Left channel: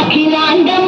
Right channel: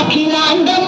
Akhilandam